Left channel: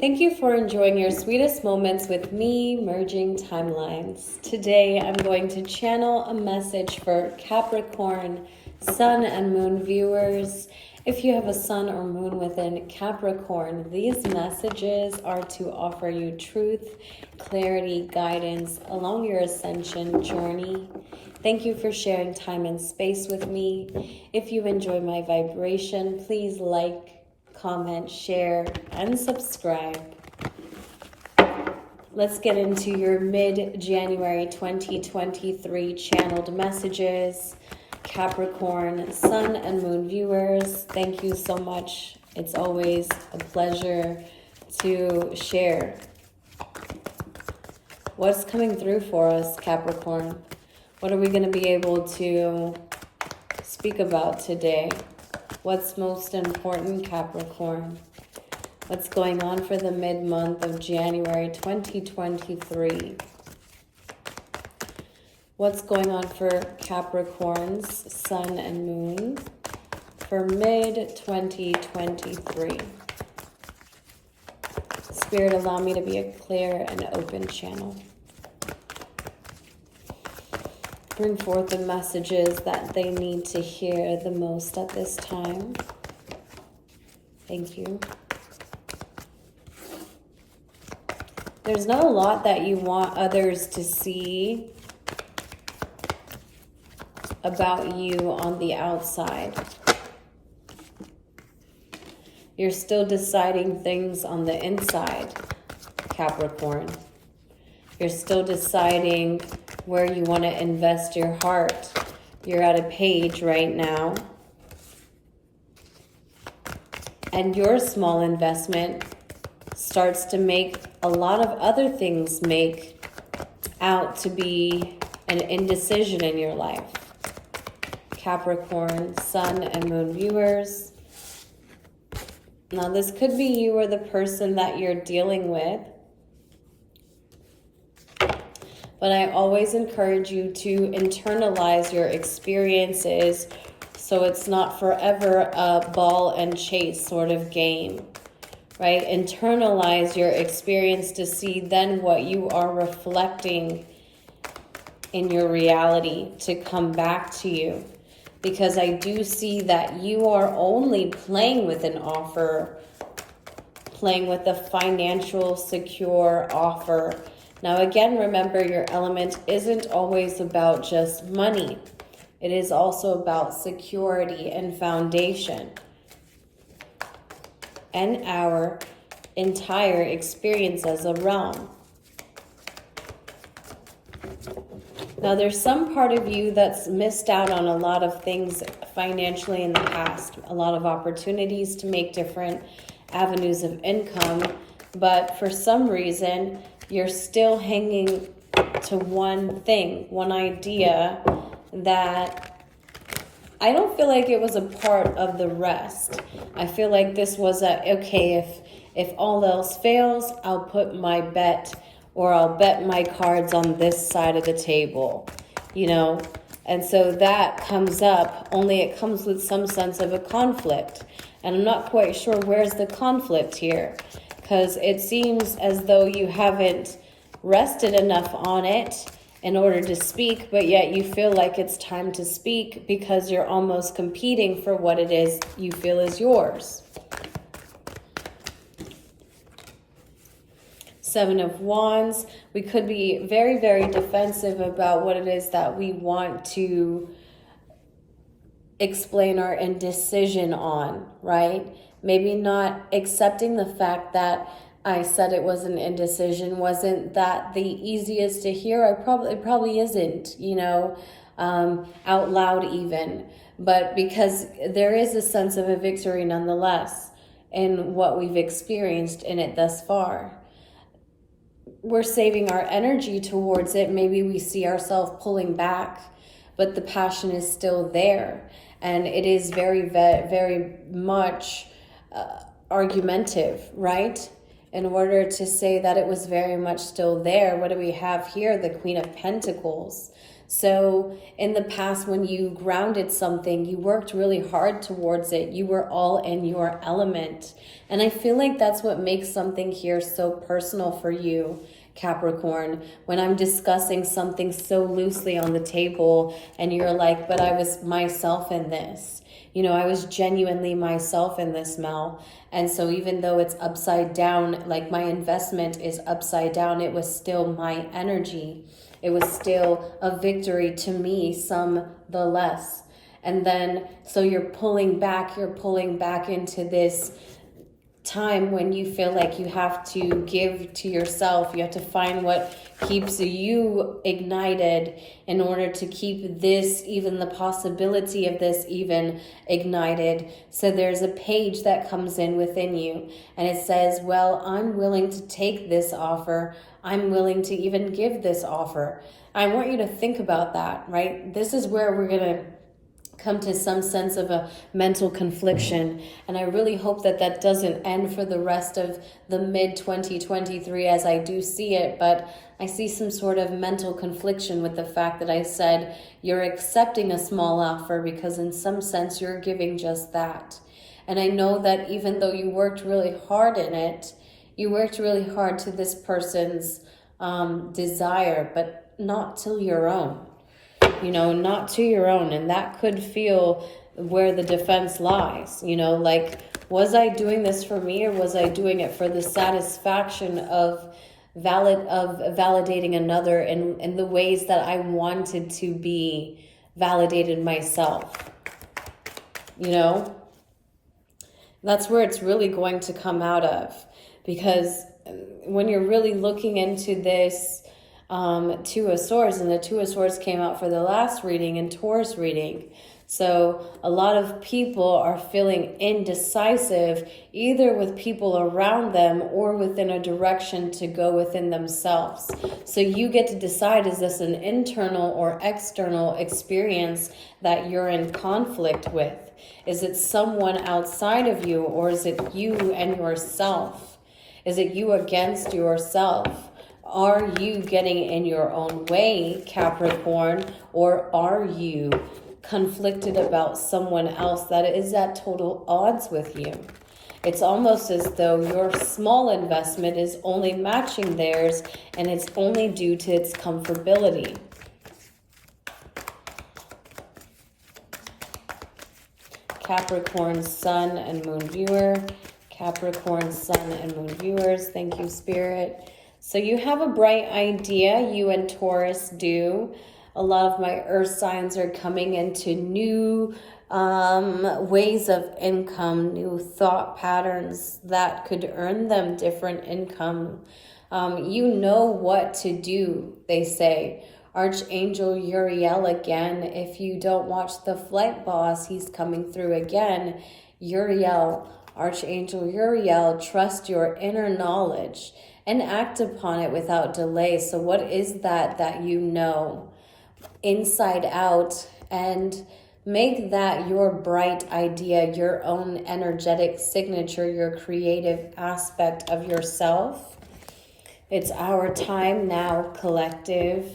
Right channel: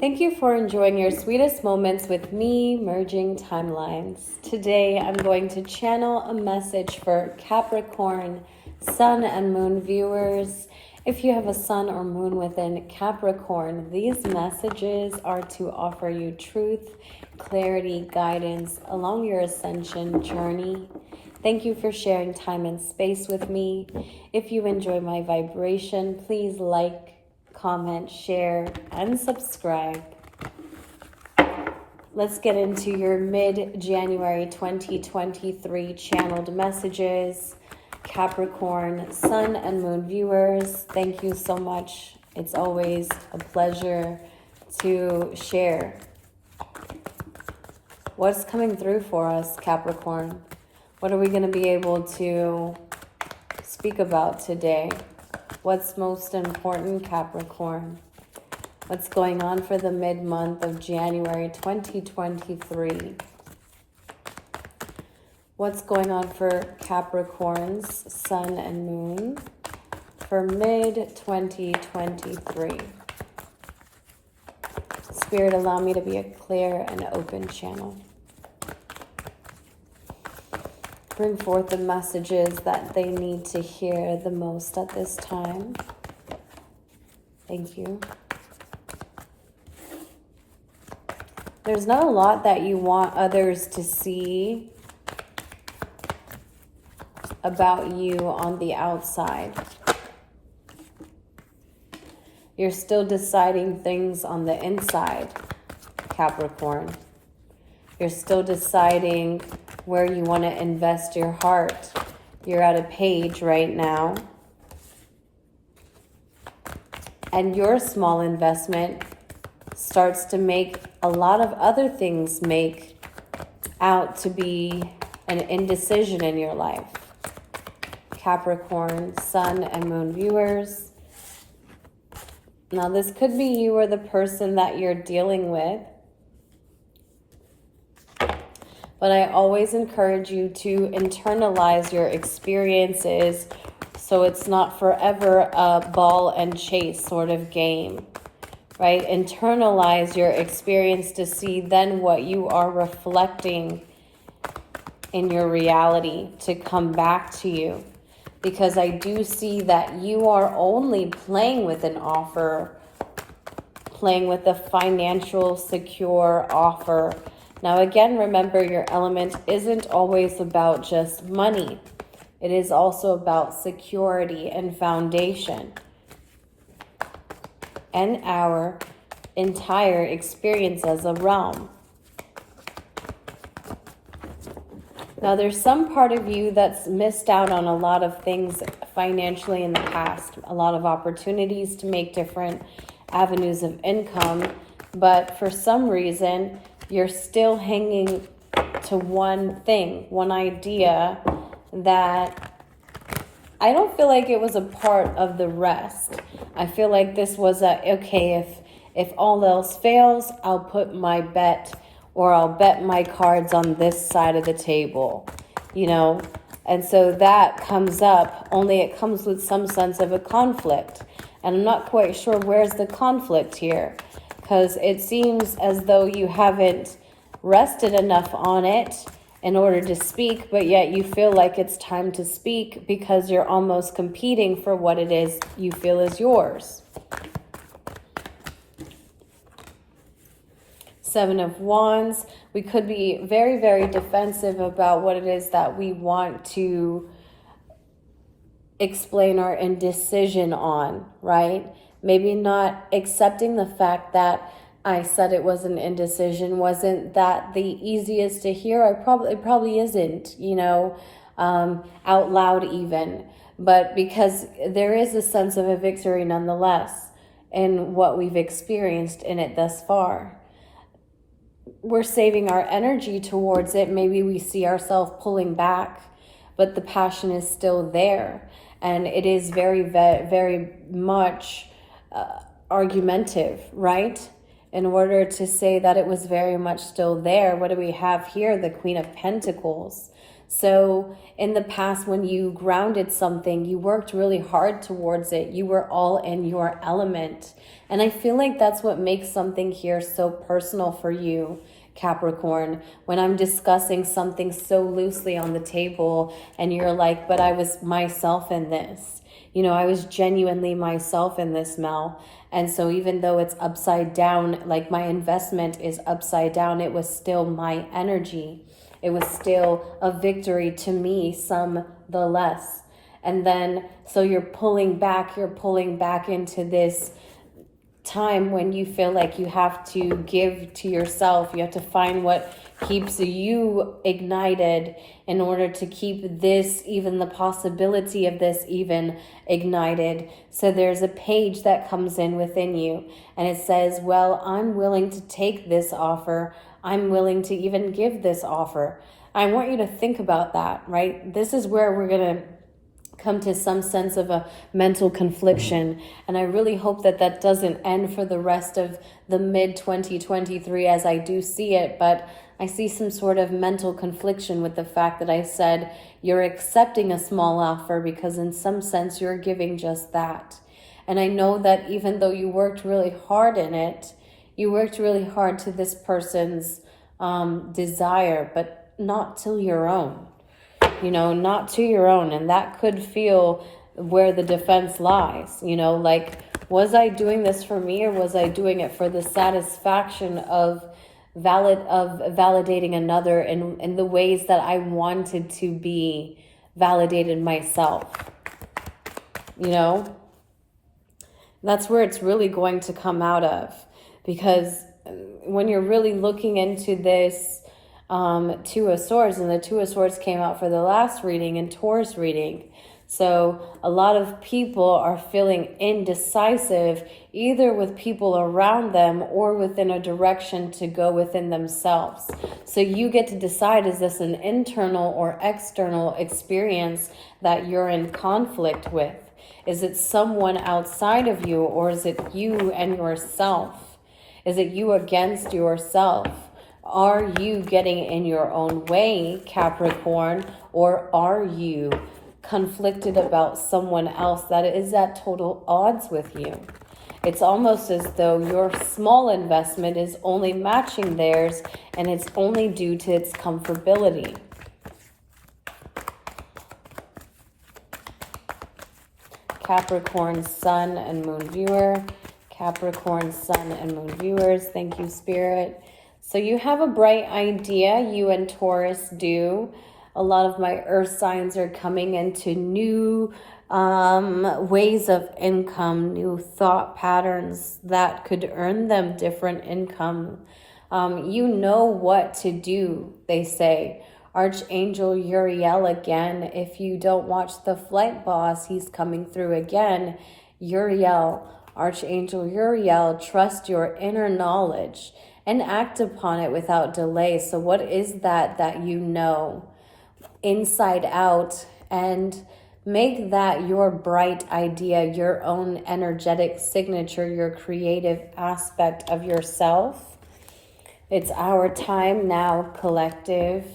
Thank you for enjoying your sweetest moments with me, merging timelines. Today, I'm going to channel a message for Capricorn, Sun and Moon viewers. If you have a Sun or Moon within Capricorn, these messages are to offer you truth, clarity, guidance along your ascension journey. Thank you for sharing time and space with me. If you enjoy my vibration, please like, comment, share, and subscribe. Let's get into your mid-January 2023 channeled messages. Capricorn, Sun and Moon viewers, thank you so much. It's always a pleasure to share. What's coming through for us, Capricorn? What are we going to be able to speak about today? What's most important, Capricorn? What's going on for the mid-month of January 2023? What's going on for Capricorn's Sun and Moon for mid-2023? Spirit, allow me to be a clear and open channel. Bring forth the messages that they need to hear the most at this time. Thank you. There's not a lot that you want others to see about you on the outside. You're still deciding things on the inside, Capricorn. You're still deciding where you want to invest your heart. You're at a page right now. And your small investment starts to make a lot of other things make out to be an indecision in your life. Capricorn, Sun and Moon viewers. Now, this could be you or the person that you're dealing with. But I always encourage you to internalize your experiences so it's not forever a ball and chase sort of game, right? Internalize your experience to see then what you are reflecting in your reality to come back to you. Because I do see that you are only playing with an offer, playing with a financial secure offer. Now, again, remember your element isn't always about just money. It is also about security and foundation. And our entire experience as a realm. Now, there's some part of you that's missed out on a lot of things financially in the past. A lot of opportunities to make different avenues of income. But for some reason, you're still hanging to one thing, one idea that I don't feel like it was a part of the rest. I feel like this was okay, if all else fails, I'll put my bet or I'll bet my cards on this side of the table, you know? And so that comes up, only it comes with some sense of a conflict. And I'm not quite sure where's the conflict here, because it seems as though you haven't rested enough on it in order to speak, but yet you feel like it's time to speak because you're almost competing for what it is you feel is yours. Seven of Wands. We could be very, very defensive about what it is that we want to explain our indecision on, right? Maybe not accepting the fact that I said it was an indecision wasn't that the easiest to hear. It probably isn't, you know, out loud even. But because there is a sense of a victory nonetheless in what we've experienced in it thus far. We're saving our energy towards it. Maybe we see ourselves pulling back, but the passion is still there. And it is very, very much argumentative, right? In order to say that it was very much still there, what do we have here? The Queen of Pentacles. So in the past, when you grounded something, you worked really hard towards it. You were all in your element. And I feel like that's what makes something here so personal for you, Capricorn. When I'm discussing something so loosely on the table and you're like, but I was myself in this. You know, I was genuinely myself in this, Mel. And so even though it's upside down, like my investment is upside down, it was still my energy. It was still a victory to me, some the less. And then, so you're pulling back into this time when you feel like you have to give to yourself. You have to find what keeps you ignited in order to keep this, even the possibility of this even ignited. So there's a page that comes in within you and it says, well, I'm willing to take this offer. I'm willing to even give this offer. I want you to think about that, right? This is where we're going to come to some sense of a mental confliction. And I really hope that that doesn't end for the rest of the mid-2023 as I do see it. But I see some sort of mental confliction with the fact that I said you're accepting a small offer because in some sense you're giving just that. And I know that even though you worked really hard in it, you worked really hard to this person's desire, but not to your own. You know, not to your own. And that could feel where the defense lies. You know, like, was I doing this for me or was I doing it for the satisfaction of validating another in the ways that I wanted to be validated myself? You know, that's where it's really going to come out of. Because when you're really looking into this, Two of Swords, and the Two of Swords came out for the last reading and Taurus reading. So a lot of people are feeling indecisive, either with people around them or within a direction to go within themselves. So you get to decide, is this an internal or external experience that you're in conflict with? Is it someone outside of you, or is it you and yourself? Is it you against yourself? Are you getting in your own way, Capricorn, or are you conflicted about someone else that is at total odds with you? It's almost as though your small investment is only matching theirs, and it's only due to its comfortability. Capricorn, Sun, and Moon viewer. Capricorn, Sun, and Moon viewers. Thank you, Spirit. So you have a bright idea, you and Taurus do. A lot of my earth signs are coming into new ways of income, new thought patterns that could earn them different income. You know what to do, they say. Archangel Uriel again. If you don't watch The Flight Boss, he's coming through again. Uriel, Archangel Uriel, trust your inner knowledge and act upon it without delay. So what is that you know inside out, and make that your bright idea, your own energetic signature, your creative aspect of yourself. It's our time now, collective.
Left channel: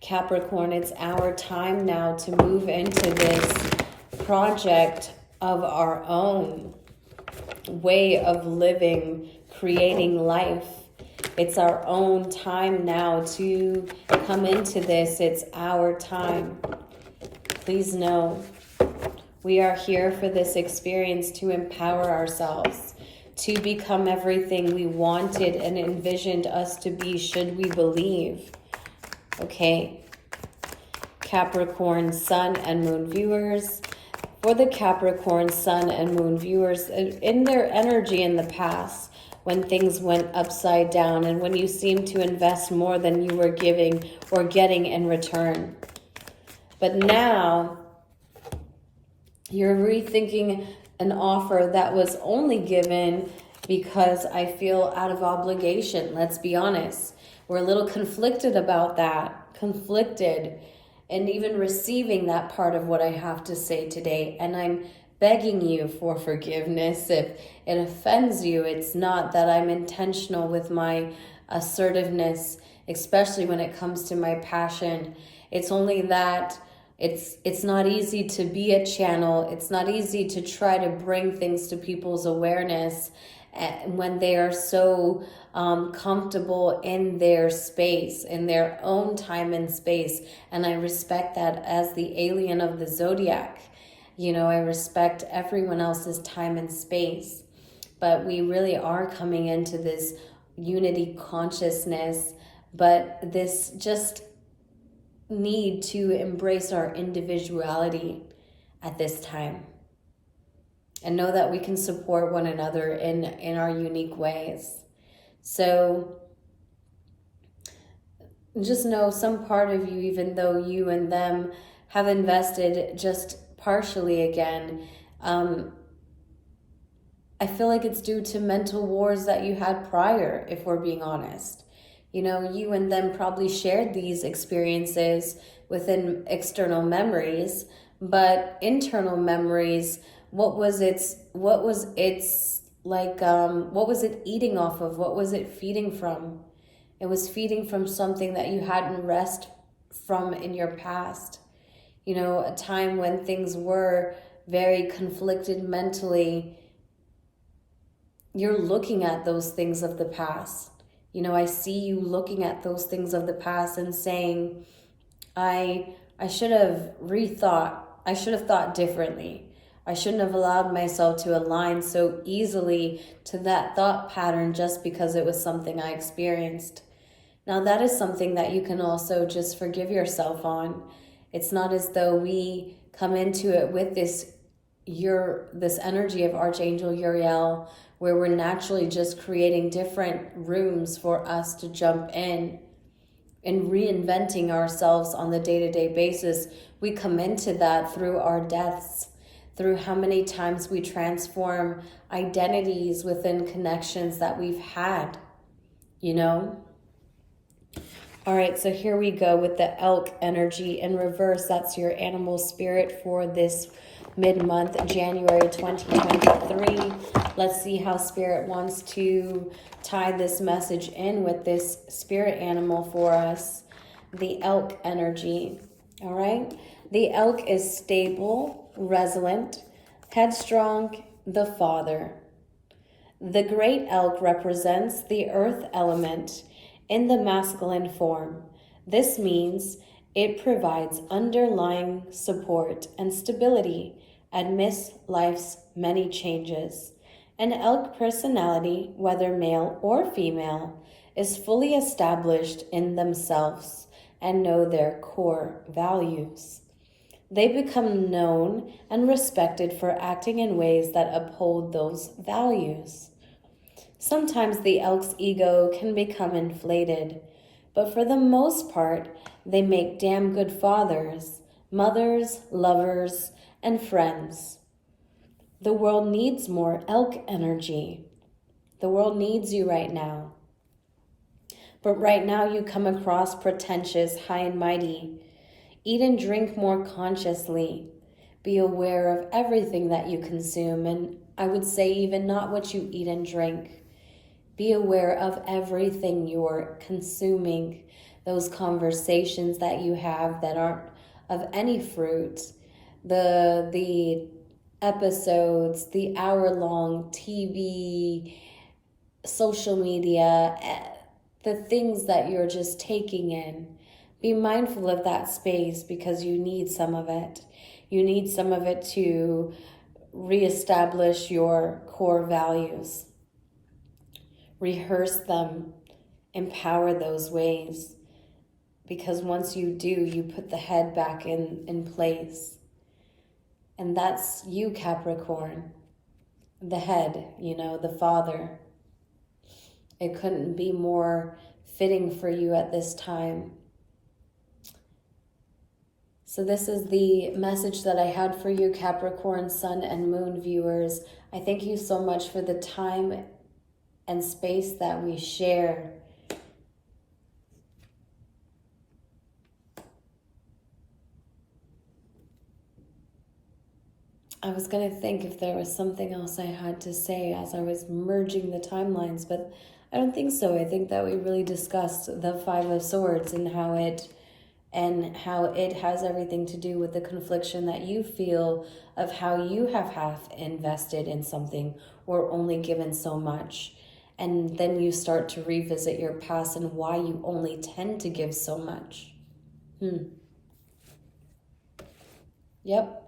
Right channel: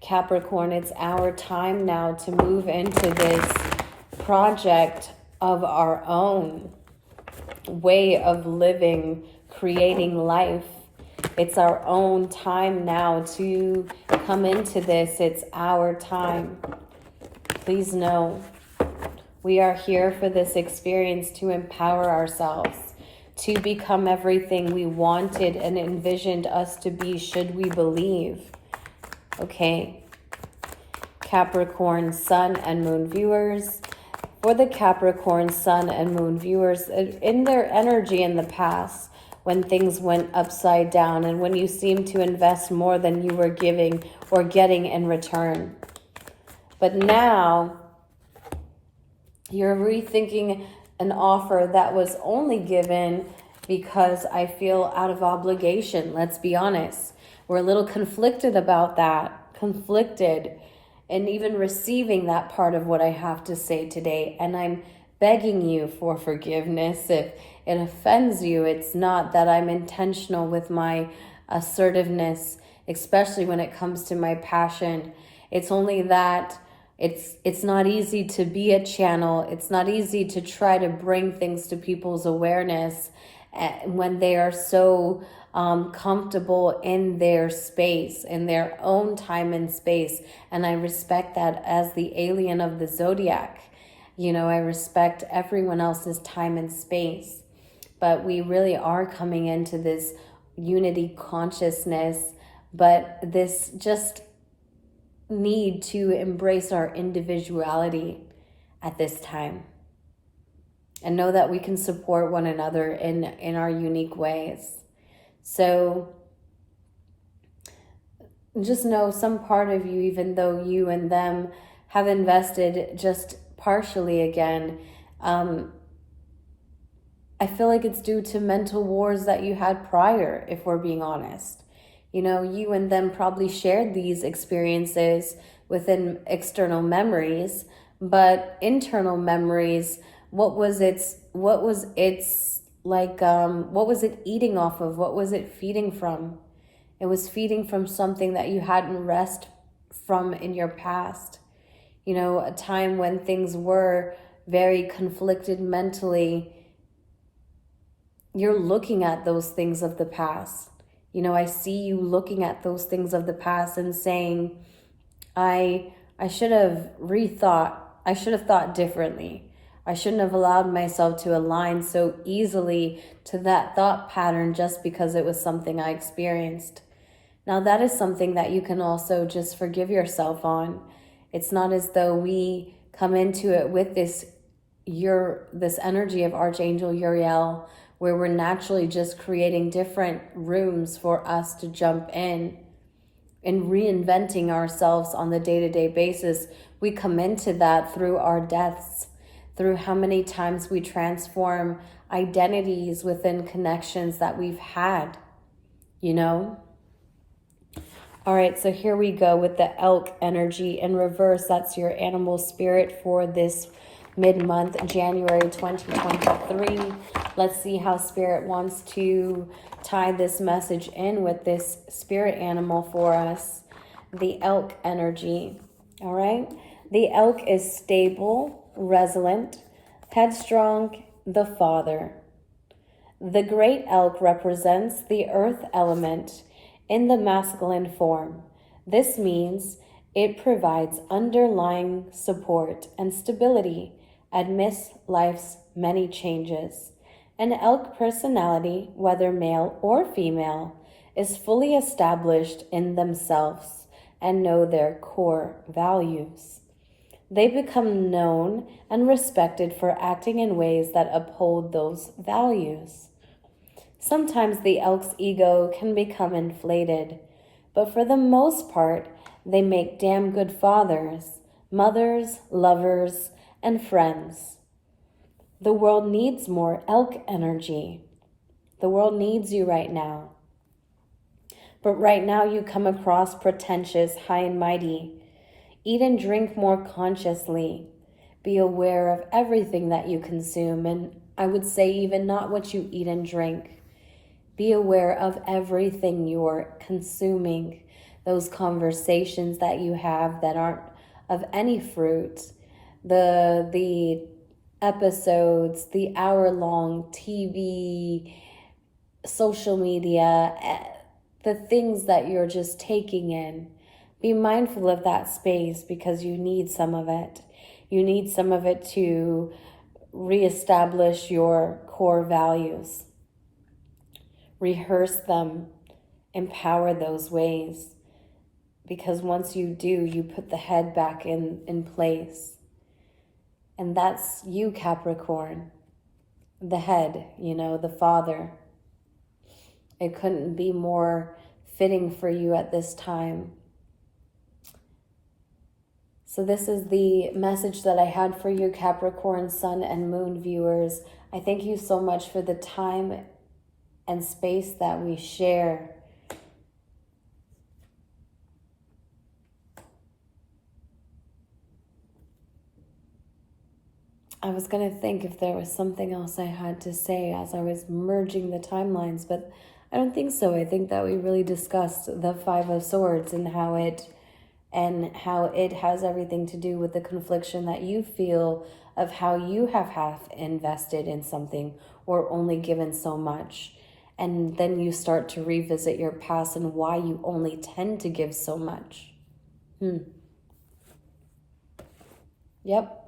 Capricorn, it's our time now to move into this project of our own way of living, creating life. It's our own time now to come into this. It's our time. Please know we are here for this experience to empower ourselves, to become everything we wanted and envisioned us to be, should we believe. Okay. Capricorn, Sun, and Moon viewers. For the Capricorn, Sun, and Moon viewers, in their energy in the past, when things went upside down and when you seemed to invest more than you were giving or getting in return. But now you're rethinking an offer that was only given because I feel out of obligation. Let's be honest. We're a little conflicted about that. Conflicted and even receiving that part of what I have to say today. And I'm begging you for forgiveness if it offends you. It's not that I'm intentional with my assertiveness, especially when it comes to my passion. It's only that it's not easy to be a channel. It's not easy to try to bring things to people's awareness when they are so comfortable in their space, in their own time and space. And I respect that as the alien of the zodiac. You know, I respect everyone else's time and space. But we really are coming into this unity consciousness, but this just need to embrace our individuality at this time and know that we can support one another in our unique ways. So just know some part of you, even though you and them have invested just partially again, I feel like it's due to mental wars that you had prior, if we're being honest. You know, you and them probably shared these experiences within external memories, but internal memories, what was it eating off of? What was it feeding from? It was feeding from something that you hadn't rest from in your past. You know, a time when things were very conflicted mentally. You're looking at those things of the past. You know, I see you looking at those things of the past and saying, I should have rethought. I should have thought differently. I shouldn't have allowed myself to align so easily to that thought pattern just because it was something I experienced. Now that is something that you can also just forgive yourself on. It's not as though we come into it with this energy of Archangel Uriel, where we're naturally just creating different rooms for us to jump in and reinventing ourselves on the day-to-day basis. We come into that through our deaths, through how many times we transform identities within connections that we've had, you know? All right, so here we go with the elk energy in reverse. That's your animal spirit for this mid-month, January 2023. Let's see how Spirit wants to tie this message in with this spirit animal for us. The elk energy, all right? The elk is stable, resilient, headstrong, the father. The great elk represents the earth element in the masculine form. This means it provides underlying support and stability amidst life's many changes. An elk personality, whether male or female, is fully established in themselves and know their core values. They become known and respected for acting in ways that uphold those values. Sometimes the elk's ego can become inflated, but for the most part, they make damn good fathers, mothers, lovers, and friends. The world needs more elk energy. The world needs you right now. But right now you come across pretentious, high and mighty. Eat and drink more consciously. Be aware of everything that you consume, and I would say even not what you eat and drink. Be aware of everything you're consuming, those conversations that you have that aren't of any fruit, the episodes, the hour-long TV, social media, the things that you're just taking in. Be mindful of that space because you need some of it. You need some of it to reestablish your core values. Rehearse them, empower those ways. Because once you do, you put the head back in place. And that's you, Capricorn. The head, you know, the father. It couldn't be more fitting for you at this time. So this is the message that I had for you, Capricorn, Sun, and Moon viewers. I thank you so much for the time and space that we share. I was going to think if there was something else I had to say as I was merging the timelines, but I don't think so. I think that we really discussed the Five of Swords and how it and how it has everything to do with the confliction that you feel of how you have half invested in something or only given so much. And then you start to revisit your past and why you only tend to give so much. Yep.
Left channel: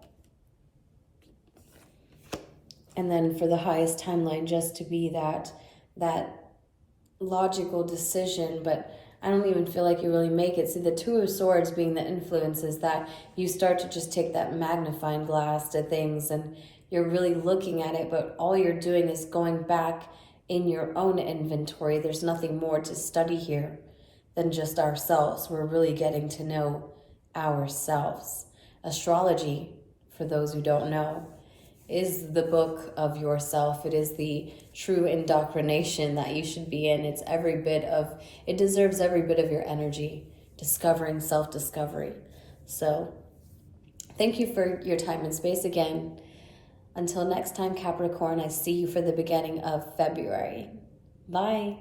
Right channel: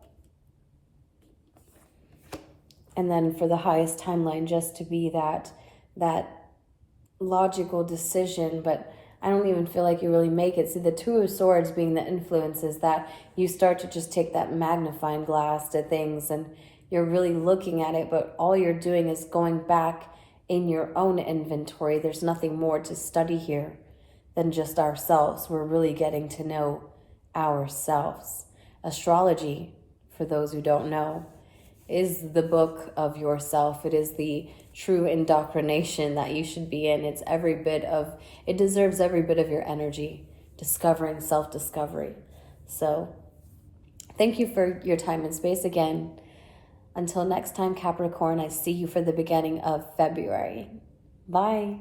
And then for the highest timeline, just to be that logical decision, but I don't even feel like you really make it. So the Two of Swords being the influence is that you start to just take that magnifying glass to things and you're really looking at it, but all you're doing is going back in your own inventory. There's nothing more to study here than just ourselves. We're really getting to know ourselves. Astrology, for those who don't know, is the book of yourself. It is the true indoctrination that you should be in. It deserves every bit of your energy, discovering self-discovery. So thank you for your time and space again. Until next time, Capricorn, I see you for the beginning of February. Bye.